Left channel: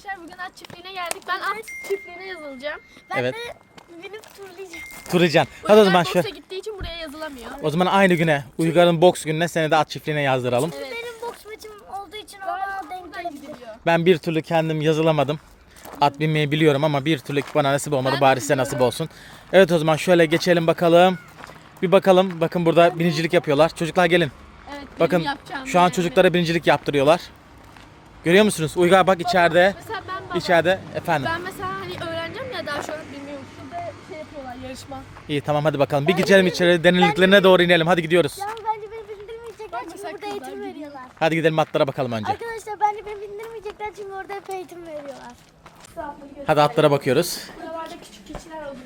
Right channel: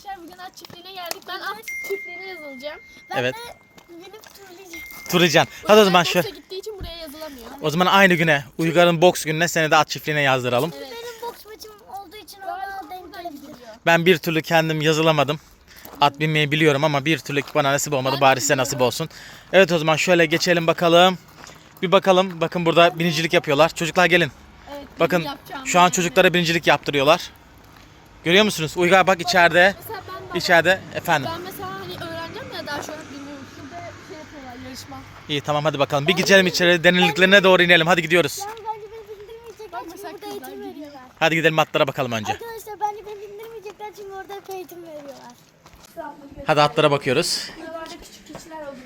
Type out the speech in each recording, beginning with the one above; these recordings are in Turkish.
arkadaşlar bugün at çiftliğine geldik. Ben at çiftliğine yazılacağım. Evet. Benim turlayacağım. Turacan. Hadi o zaman şu. Boks'a gittiği için buraya yazılamıyor. O zaman aynı güne Uygar'ın boks gününe seni de at çiftliğine yazdıralım. Evet. Benim boks maçım olduğu için ona denk gidiliyor. Ben bir türlü kendim yazılamadım. At binmeyi biliyorum ama bir türlü bana nasip olmadı. Bari size nasip olsun. Evet o zaman şöyle geçelim bakalım. Bir bakalım. Bakın burada binicilik yapıyorlar. Çocuklar gelin. Evet, Bakın şu an çocuklara binicilik yaptırıyorlar. Görüyor musunuz? Uygar bak içeride. Mesela ben baba- İçeride efendim. Ben mesela hani öğreneceğim ya daha an bilmiyorum. Şurada şey yapıyorlar yarışma. İyi tamam hadi bakalım. Bir geçelim içeri. Deniliklerine doğru inelim. Hadi gidiyoruz. Yani bence beni bindirmeyecekler çünkü burada eğitim veriyorlar. Hadi gidelim atlara bakalım önce. Arkadaşlar bence beni bindirmeyecekler çünkü orada hep eğitim veriyorlar. Hadi atlara bakıyoruz. Buralarda küçük keçiler oluyordu.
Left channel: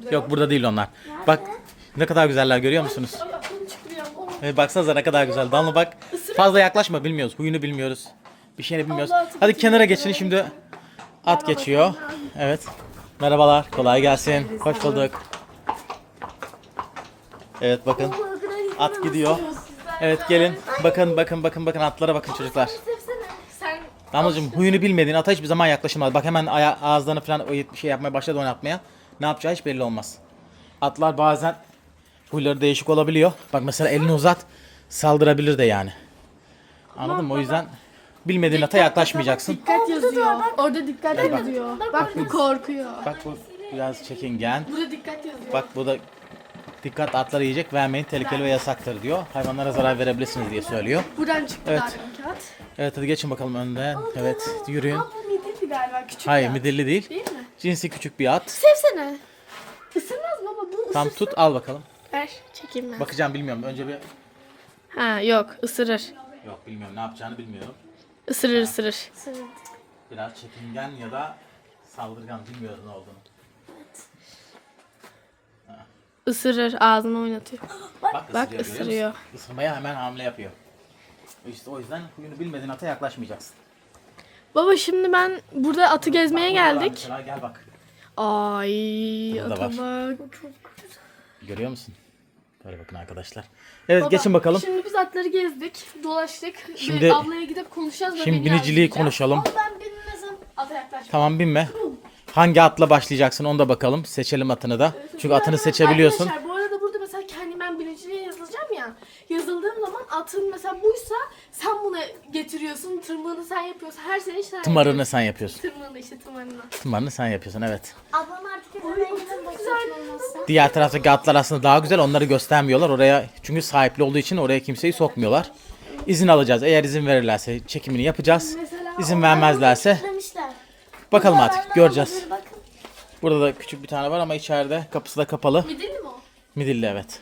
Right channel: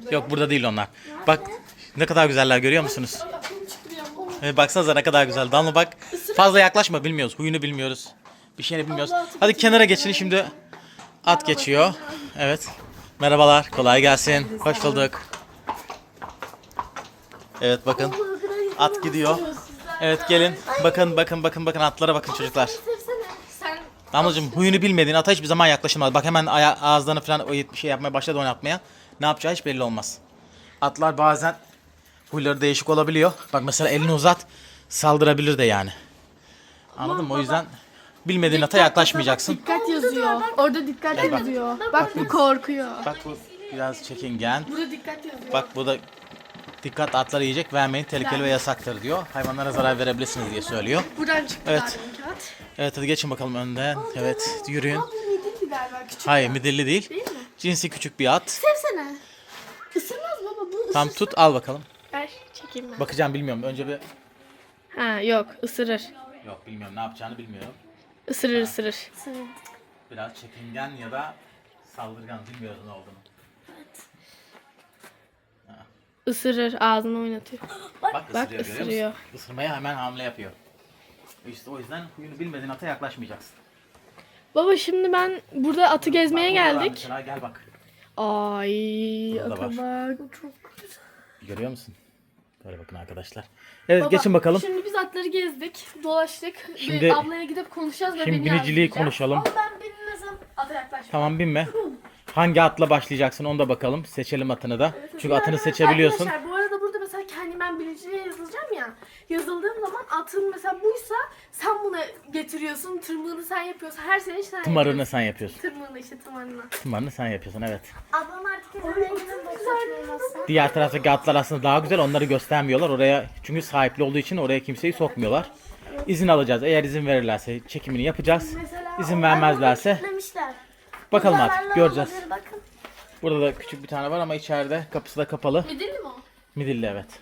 Burada Yok burada değil onlar. Bak ne kadar güzeller görüyor musunuz? Ya. Baksanıza ne kadar güzel. Damla bak. Fazla yaklaşma bilmiyoruz. Huyunu bilmiyoruz. Bir şeyini bilmiyoruz. Hadi kenara geçin şimdi. At geçiyor. Evet. Merhabalar. Kolay gelsin. Hoş bulduk. Evet bakın. At gidiyor. Evet gelin. Bakın bakın bakın bakın atlara bakın çocuklar. Damlacığım huyunu bilmediğin ata hiçbir zaman yaklaşılmaz. Bak hemen aya- ağızlarını falan o bir şey yapmaya başladı oynatmaya. Ne yapacağı hiç belli olmaz. Atlar bazen huyları değişik olabiliyor. Bak mesela elini uzat saldırabilir de yani. Anladın mı? O yüzden bilmediğin ata yaklaşmayacaksın. dikkat yazıyor. Orada dikkat yazıyor. Bak bu korkuyor. Bak bu biraz çekingen. Burada dikkat yazıyor. Bak bu da dikkat atları yiyecek vermeyin tehlikeli ve yasaktır diyor. Hayvanlara zarar verebilirsiniz diye söylüyor. Buradan çıktı Evet. galiba kağıt. Evet hadi geçin bakalım önden. Evet yürüyün. Bu midilli galiba küçük. Hayır midilli değil. Değil mi? Cinsi küçük bir at. Sevsene. Isırmaz baba bu. Tam tut al bakalım. Ver çekeyim ben. Bakacağım bilmiyorum. Önce bir Ha yok ısırır. yok bilmiyorum ne yapacağını bilmiyorum. Isırır ısırır. Biraz çekingen ya da saldırgan bilmiyoruz ne olduğunu. Isırır ağzını oynatıyor. Bak, Bak, ısırıyor, görüyor musun? ısırıyor. Isırmaya hemen hamle yapıyor. İşte o yüzden huyunu bilmediğin ata yaklaşmayacaksın. Baba şimdi ben burada atı gezmeye Bak, geldik. Mesela gel bak. Ay Burada ata bak. Görüyor musun? Böyle bakın arkadaşlar. Evet geçin bakalım. Şimdi biz atları gezdik, dolaştık. Şimdi- Şimdi, ablaya gidip konuşacağız ve Şimdi biniciliği konuşalım. Ben bilmesem Ata. Tamam binme. Hangi atla başlayacaksın onu da bakalım. Seçelim atını da. Çünkü atını seçebiliyorsun. Arkadaşlar bu arada burada mesela biniciliğe yazılacağım ya. Yazıldığım zaman atın mesela buysa sen buna getiriyorsun. Tırmığını sen yapıyorsun. Her sene işte sen Tımarını sen yapıyorsun. Tırmığını işte tırmağını. Tımarını sen yapıyorsun evet. ablam artık boks maçım olmazsa. Diğer taraftaki atlar aslında daha güzel. Onları göstermiyorlar. Oraya çünkü sahipli olduğu için oraya kimseyi sokmuyorlar. İzin alacağız. Eğer izin verirlerse çekimini yapacağız. İzin vermezlerse Demişler. bakalım artık göreceğiz. Bakın. Burada da küçük bir tane var ama içeride kapısı da kapalı. Midilli mi o? Midilli evet.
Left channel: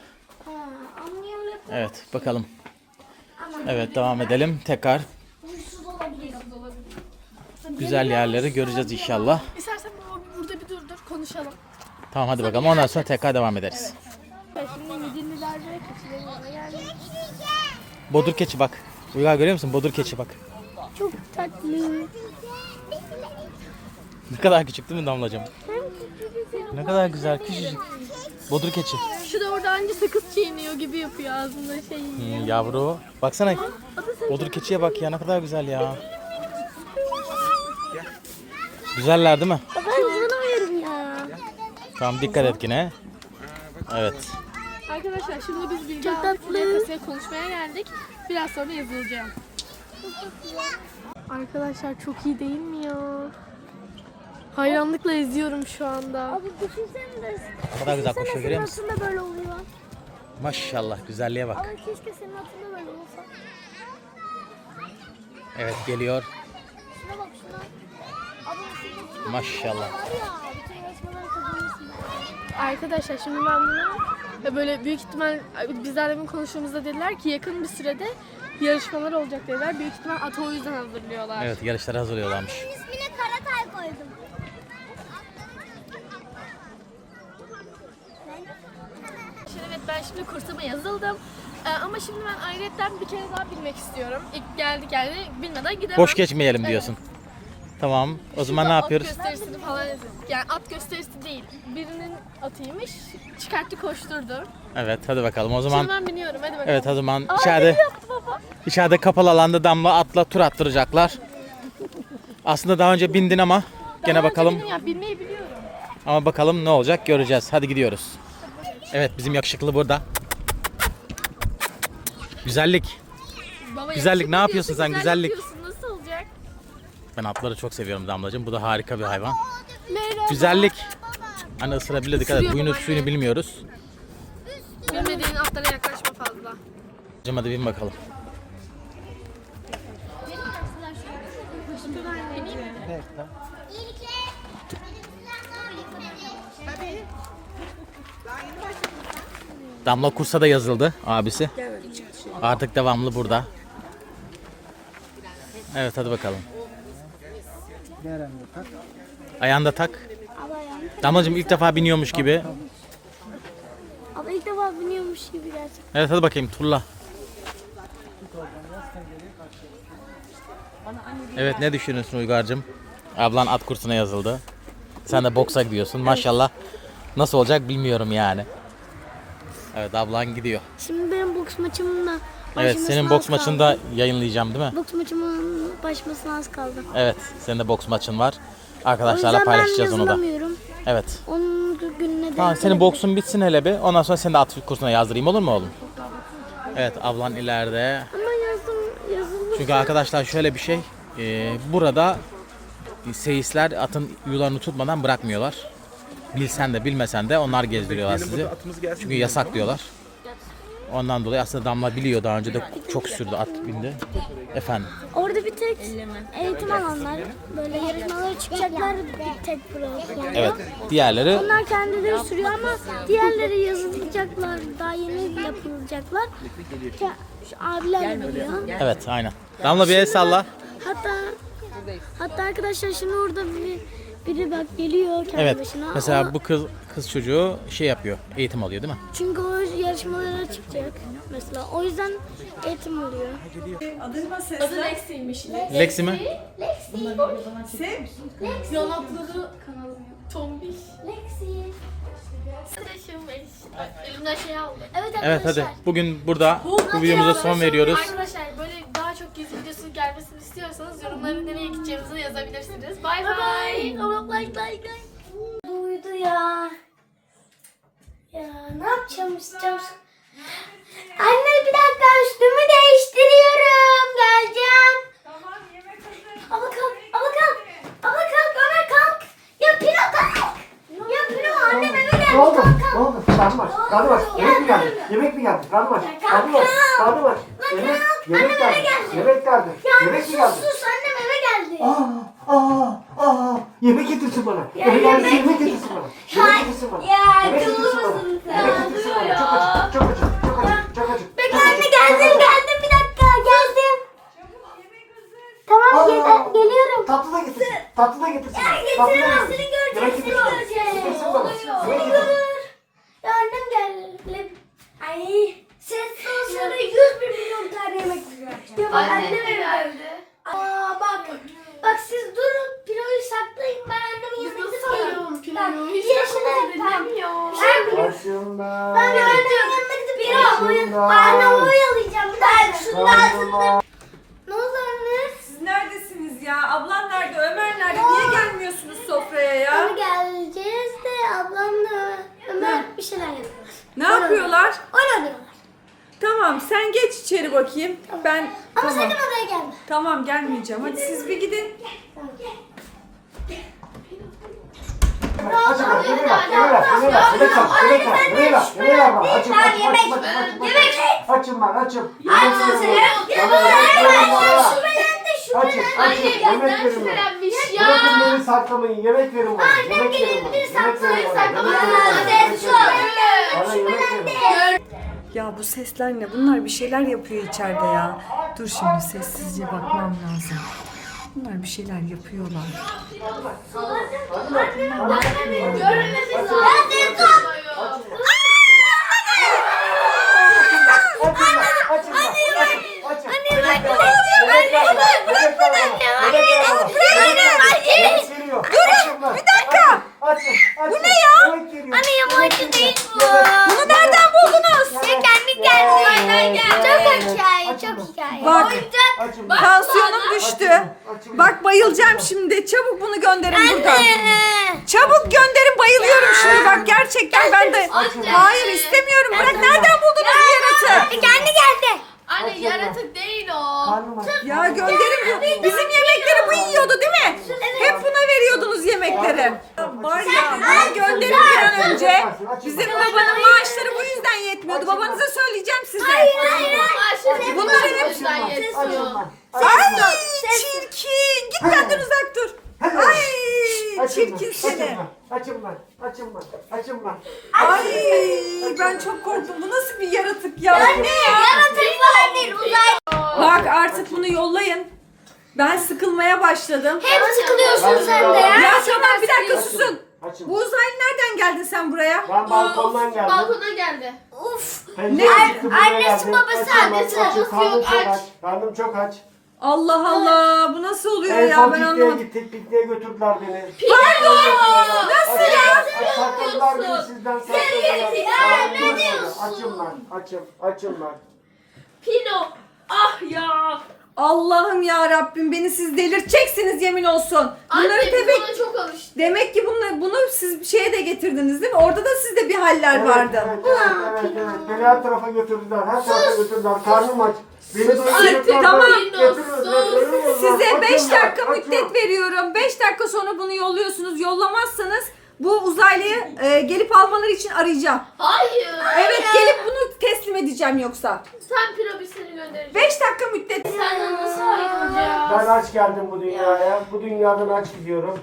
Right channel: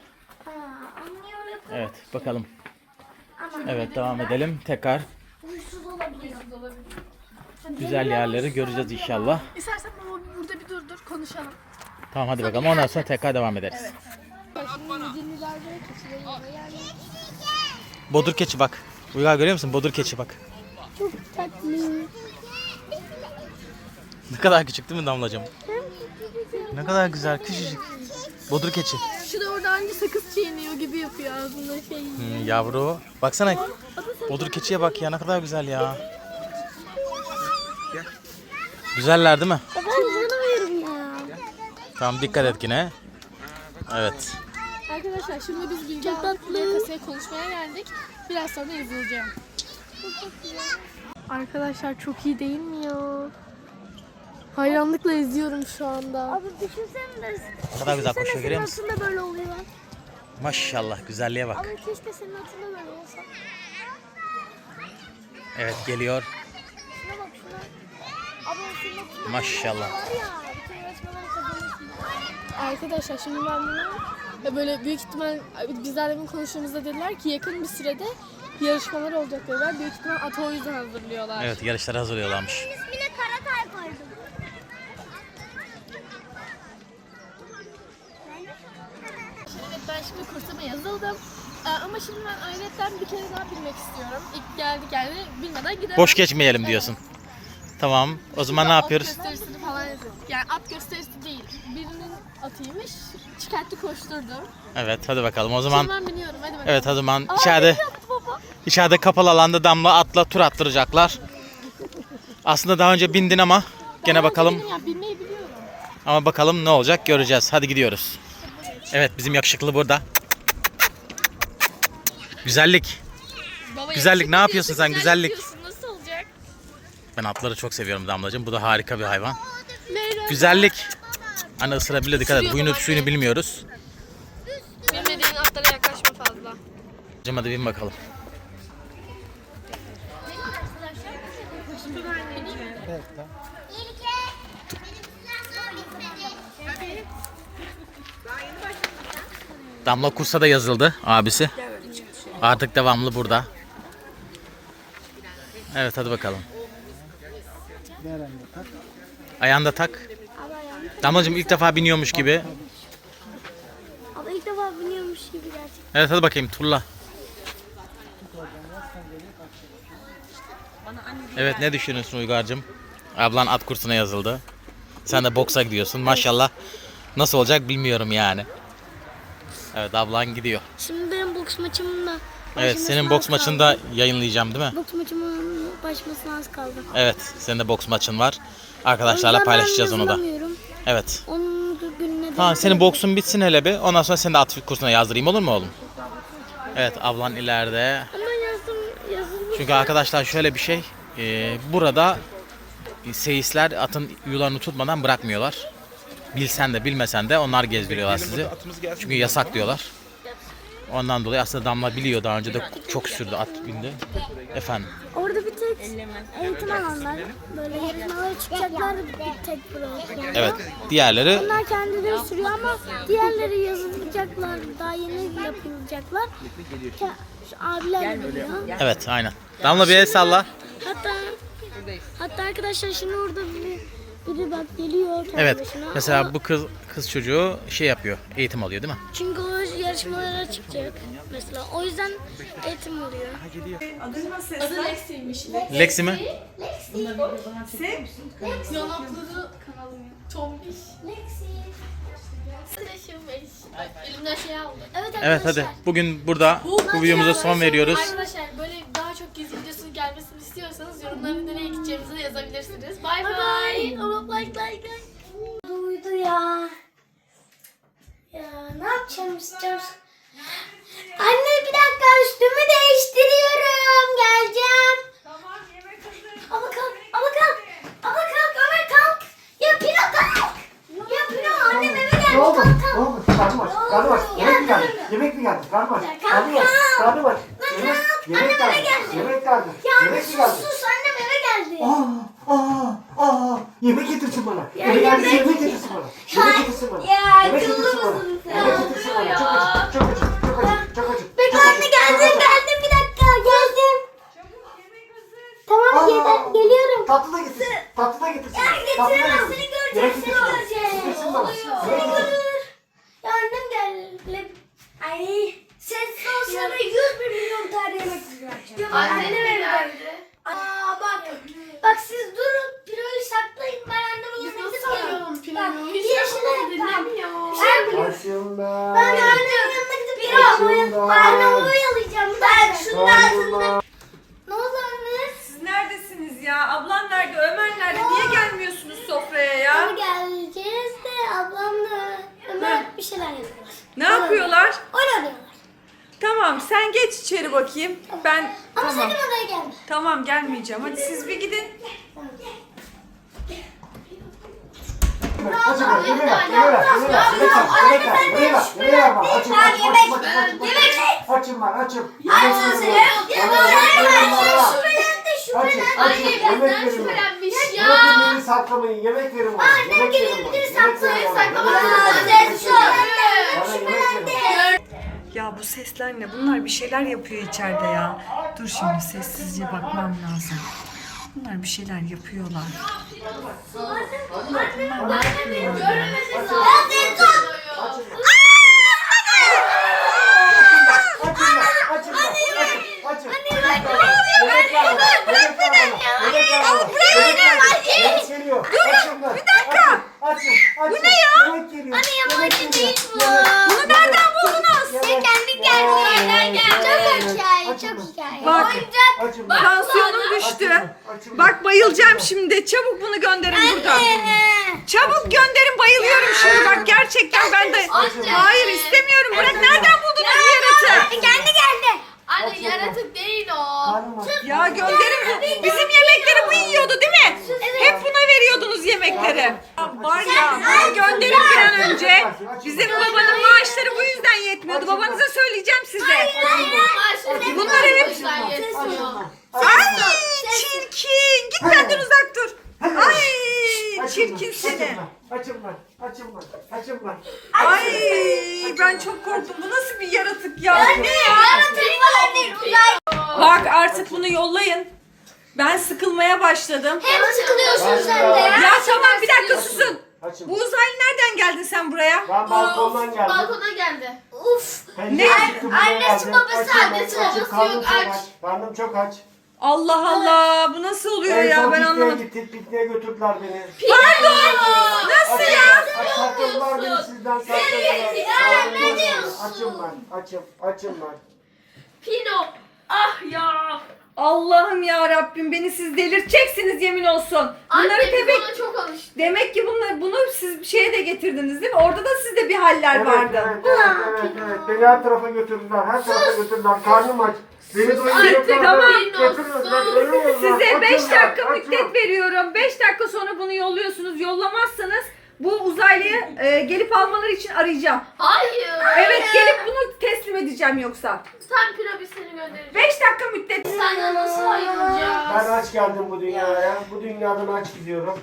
Evet bakalım. Evet devam edelim. Tekrar huysuz olabilir. güzel yerleri göreceğiz inşallah. İstersen baba burada bir dur dur konuşalım. Tamam hadi bakalım. Ondan sonra tekrar devam ederiz. Şimdi keçilerin. Bodur keçi bak. Uygar görüyor musun? Bodur keçi bak. Çok tatlı. Ne kadar küçük değil mi Damlacığım? Ne kadar güzel küçücük. Bodur keçi. Şu da orada anca sakız çiğniyor gibi yapıyor ağzında şey. Hmm, yavru. Baksana. Bodur keçiye bak ya ne kadar güzel ya. Güzeller değil mi? Ben canım ya. Tamam dikkat et yine. Evet. Arkadaşlar şimdi biz Bilge Çok tatlı. Konuşmaya geldik. Biraz sonra yazılacağım. Arkadaşlar çok iyi değil mi ya? Hayranlıkla izliyorum şu anda. Abi düşünsene. Ne kadar güzel koşuyor görüyor musun? Atında böyle oluyor. Maşallah güzelliğe bak. Ama keşke senin olsa. Evet geliyor. Şuna bak şuna. Abi atında Maşallah. Arkadaşlar şimdi ben bunu ya böyle büyük ihtimal biz daha demin konuştuğumuzda dediler ki yakın bir sürede yarışmalar olacak dediler. Büyük ihtimal atı o yüzden hazırlıyorlar. Evet yarışlara hazırlıyorlarmış. İsmine Karatay koydum. Evet ben şimdi kursuma yazıldım. Ee, ama şimdi ben ayrıca bir kere daha bilmek istiyorum. İlk geldi geldi bilmeden gidemem. Boş geçmeyelim diyorsun. Tamam. O zaman ne yapıyoruz? At gösterisini falan yazıyor. Yani at gösterisi değil. Birinin atıymış. Çıkarttı koşturdu. Evet hadi bakalım. O Şimdi zaman ben biniyorum. Hadi bakalım. evet o zaman içeride içeride kapalı alanda damla atla tur attıracaklar. Aslında daha önce bindin ama gene bakalım. Ya bilmeyi biliyorum. Ama bakalım ne olacak göreceğiz. Hadi gidiyoruz. Evet bizim yakışıklı burada. Güzellik. Baba, Güzellik, ne yapıyorsun sen? Güzellik. Nasıl olacak? Ben atları çok seviyorum Damlacığım. Bu da harika bir hayvan. Güzellik. Hani ısırabilir dikkat et. Huyunu suyunu bilmiyoruz. Bilmediğin atlara yaklaşma fazla. Hadi bin bakalım. Damla kursa da yazıldı abisi. Artık devamlı burada. Evet hadi bakalım. Ayağında tak. Damlacığım ilk defa biniyormuş gibi. Ama ilk defa biniyormuş gibi gerçekten. Evet hadi bakayım turla. Evet ne düşünüyorsun Uygar'cığım? Ablan at kursuna yazıldı. Sen de boksa gidiyorsun maşallah. Nasıl olacak bilmiyorum yani. Evet ablan gidiyor. Şimdi benim boks maçımda Evet senin boks maçını da yayınlayacağım değil mi? Boks maçımın başlamasına az kaldı. Evet senin de boks maçın var. Arkadaşlarla paylaşacağız onu da. Evet. Onun gününe Tamam denk senin boksun bitsin hele bir. Ondan sonra seni de at kursuna yazdırayım olur mu oğlum? Evet ablan ileride. Ama yazım, yazılmış. Çünkü arkadaşlar şöyle bir şey. e, burada seyisler atın yularını tutmadan bırakmıyorlar. Bilsen de bilmesen de onlar gezdiriyorlar sizi. Çünkü yasak diyorlar. Ondan dolayı aslında Damla biliyor daha önce de çok sürdü at bindi. Efendim. Orada bir tek eğitim alanlar, böyle yarışmalara çıkacaklar bir tek bırakıyor. Evet. Diğerleri Onlar kendileri sürüyor ama diğerleri yazılacaklar, daha yeni yapılacaklar. Ke- Şu abiler biliyor. evet aynen. Damla bir el salla. Hatta hatta arkadaşlar şimdi orada biri, biri bak geliyor kendi Evet. başına. Mesela bu kız kız çocuğu şey yapıyor. Eğitim alıyor değil mi? Çünkü o yarışmalara çıkacak mesela. O yüzden eğitim alıyor. Adı Lexi'ymiş. Lexi mi? Yanakları kanalım. Tombiş. Lexi. Elimden şey aldı. Evet. Evet hadi. Bugün burada bu videomuza son veriyoruz. Arkadaşlar böyle daha çok gezi videosu gelmesini istiyorsanız yorumlara nereye gideceğimizi de yazabilirsiniz. Bay bay. Like like like. Duydu ya. Ya ne yapacağım isteyeceğim. Anne bir dakika üstümü değiştiriyorum. Geleceğim. Tamam yemek hazır. Ama kalk, ama kalk. Ama kalk, Ömer kalk. Ya Pino kalk. Ya Pino annem eve gelmiş. Ne oldu? Kalk kalk. Ne oldu? Karnım aç. Karnım aç. Yemek mi geldi? Yemek mi geldi? Karnım aç. Karnım aç. Karnım aç. Lan Yemek, kalk. yemek Annem eve geldi. geldi. Yemek geldi. Ya anne Yemek mi sus geldi? sus annem eve geldi. Aa, aa, aa. Yemek getirsin bana. Eve geldi yemek getirsin bana. Yemek getirsin bana. Ya, Yemek akıllı getirsin bana. mısın sen? Yemek getirsin bana. Çok acı. Çok acı. Çok acı. Çok acı. Bekle Çok anne acı. geldim Çok acı. geldim bir dakika geldim. Tamam Aa. gel- geliyorum. Tatlı da getirsin. Tatlı da getirsin. Ya Tatlı da getiremez getirsin. seni Yemek görecek seni getirsin. görecek. Getirsin bana. Seni Yemek getirsin. görür. Ya annem geldi. Ay ses olsana 100 bir milyon tane yemek Ya bak annem eve geldi. Aa bak. Bak siz durun. Piroyu saklayın. Ben annemin yanına gidip Sayıyorum geliyorum. pilavı. Bak, Hiç yeşile yapamadım ya. Ben. Ben annemin yanına gidip piroyu. Başımda. Anne oyalayacağım. Ben şunun. Başımda. Ne oldu anne? Siz neredesiniz ya? Ablan nerede? Ömer nerede? Niye gelmiyorsunuz sofraya ya? Onu geleceğiz de ablamla Ömer bir şeyler yapıyorlar. Ne yapıyorlar? Oynanıyorlar. Tamam sen geç içeri bakayım. Ben Ama tamam. sakın odaya gelme. Tamam gelmeyeceğim. Hadi siz bir gidin. Açın ver, yemeği ver, yemeği ver, yemeği ver, yemek ver, yemek ver, yemeği ver, yemeği ver bana. Açım, açım, açım, açım, açım, açım. Ben, açım. Veriyorum. Bana yemek verin bana. Bırakın beni saklamayın, yemek verin bana. Yemek verin bana. Yemek verin bana. Yemek verin bana. bana. Yemek verin. Ya bu sesler ne? Bunlar bir şeyler yapıyor içeride ya. Dur şimdi sessizce bakmam lazım. Bunlar bir şeyler yapıyorlar. Açım ben, açım, açım, açım. Bu ne ya? Anne yabancı değil bu. Bunu nereden buldunuz? Kendi. Yemek- Çok hikaye, çok hikaye. Bak. Oyuncak. Açım ben. Tansiyonum düştü. Açım ben. Bak bayılacağım şimdi. Çabuk bunu gönderin buradan. Çabuk gönderin bayılıyorum şimdi bak gerçekten ben de. Hayır istemiyorum. Bırak nereden buldunuz bu yaratığı? Kendi geldi. Anne yaratık değil o. Ya gönderin. Bizim yemekleri bu yiyordu değil mi? Hep buna veriyordunuz yemekleri. Ya bunu gönderin bir an önce. Bizim babanın maaşları bu yüzden yetmiyordu. Babanıza söyleyeceğim size. Bunların hep- yetiyor. Ay çirkin. Git benden uzak dur. Ay çirkin seni. Açın lan. Açın lan. Açın lan. Ay ben çok korktum. Bu nasıl bir yaratık ya? Yaratık uzay. Bak artık bunu yollayın. Ben sıkılmaya başladım. Hep sıkılıyorsun sen de ya. Ya tamam bir dakika susun. Açın. Bu uzaylı nereden geldin sen buraya? Ben balkondan geldim. Balkona geldi. Uf. Pencere çıktı buraya annesi geldim. babası, Açın annesi açın. babası Karnım yok, çok aç. aç. Karnım çok aç. Allah Allah bu nasıl oluyor En ya son ben pikniğe anlamadım. gittik. Pikniğe götürdüler beni. Pardon. Nasıl Açın ya? Aç sakladılar beni sizden sakladılar. Ne diyorsun? Açın lan. Açın. Açın lan. Pino. Ah ya. Allah'ım ya Rabbim beni siz delirteceksiniz yemin olsun. Bunları Anne biz tebek ona çok alıştık. Demek ki bunları, bunu siz şeye de getirdiniz değil mi? Orada da sizde bir haller Evet, vardı. evet, evet, evet, evet. Beni her tarafa götürdüler. Her tarafa götürdüler. Karnım aç. Beni doyuracaklar. tamam. Size 5 Açın lan, dakika müddet veriyorum. 5 dakika sonra bunu yolluyorsunuz. Yollamazsanız bu uzaylıyı e, gelip almaları için arayacağım. Hayır. Evet gelip bunu teslim edeceğim yoksa. Sen seni göndereceğiz. 5 dakika müddet. Senden nasıl ayrılacağız? Ben aç geldim bu dünyaya. Bu dünyadan aç gidiyorum.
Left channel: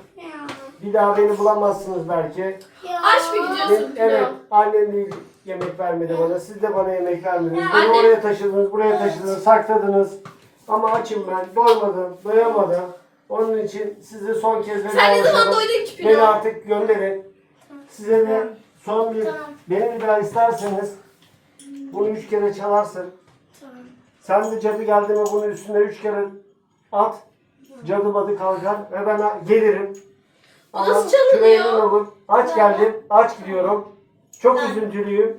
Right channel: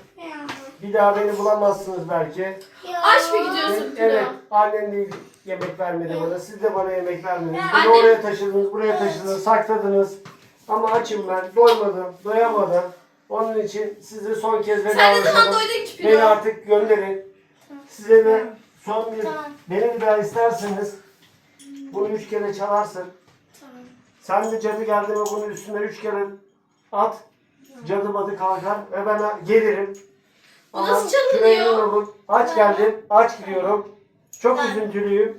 Bir daha beni bulamazsınız belki. Aç mı gidiyorsun? Evet, annem de yemek vermedi bana. Siz de bana yemek vermediniz. Beni Annem- oraya taşıdınız, buraya taşıdınız, sakladınız. Ama açım ben. Doymadım, doyamadım. Onun için sizi son kez veda Sen ne zaman doydun ki? Beni artık gönderin. Size de son bir, beni bir daha isterseniz bunu üç kere çalarsın. Sen de cadı geldi mi bunun üstüne üç kere at. Cadı badı kalkar ve ben gelirim. Bu nasıl çalınıyor? küreğimin olur. Aç geldim, aç gidiyorum. Çok üzüntülüyüm.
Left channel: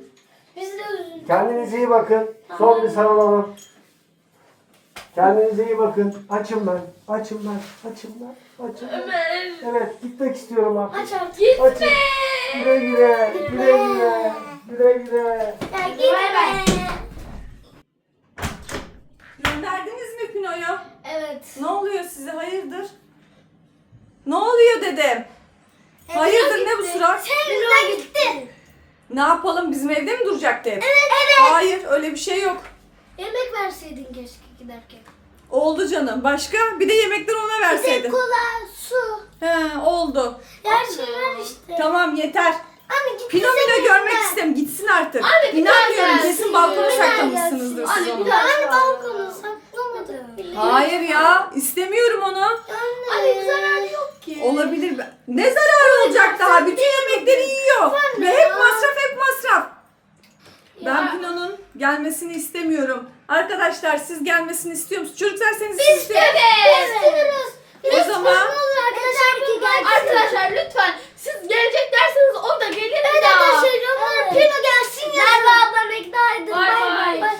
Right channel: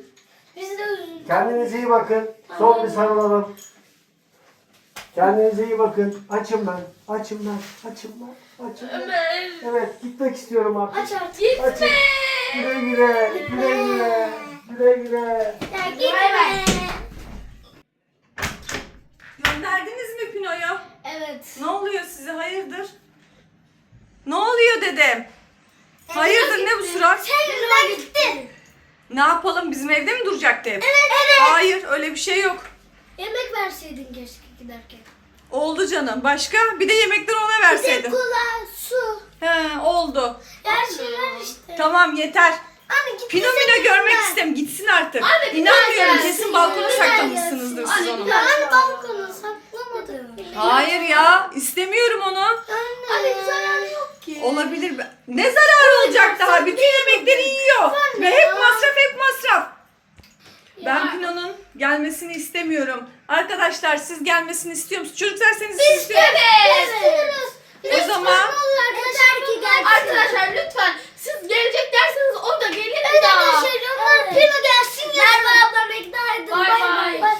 Biz de üzüldük. Kendinize iyi bakın. Son bir sarılalım. Kendinize iyi bakın. Açım ben. Açım ben. Açım ben. Açım ben. Ömer. Evet gitmek istiyorum artık. Aç artık. Gitme. Açın. Güle güle. Güle güle. Güle güle. Ya gitme. Gönderdiniz mi Pino'yu? Evet. Ne oluyor size hayırdır? Ne oluyor dedim. Hayırdır ne bu surat? Sen yüzünden gitti. Ne yapalım bizim evde mi duracaktı hep? Evet. Evet. Hayır öyle bir şey yok. Yemek verseydin keşke giderken. Oldu canım. Başka? Bir de yemekleri ona Bir de verseydin. kola, su. He oldu. Her şey ver işte. Tamam yeter. Anne gitti. Pino Mino senin görmek istem. Gitsin artık. Bir İnanmıyorum. Kesin balkona Bir saklamışsınızdır siz onu. bir Anne balkonu saklamadım. Hayır ya. istemiyorum onu. Anne. Bir zararı yok ki. Olabilir. Ne zararı olacak daha? Bütün yemekleri yiyor. Ve hep masraf hep masraf. Ben Pino'nun gelmesini istemiyorum. Arkadaşlar siz gelmesini istiyor musunuz? Çocuklar seni siz istiyor Evet. O zaman Yeter ki gelsin. Arkadaşlar lütfen siz gelecek derseniz o da gelir Evet daha. arkadaşlar Pino gelsin ya. Merve ablam. Bay Bay bay.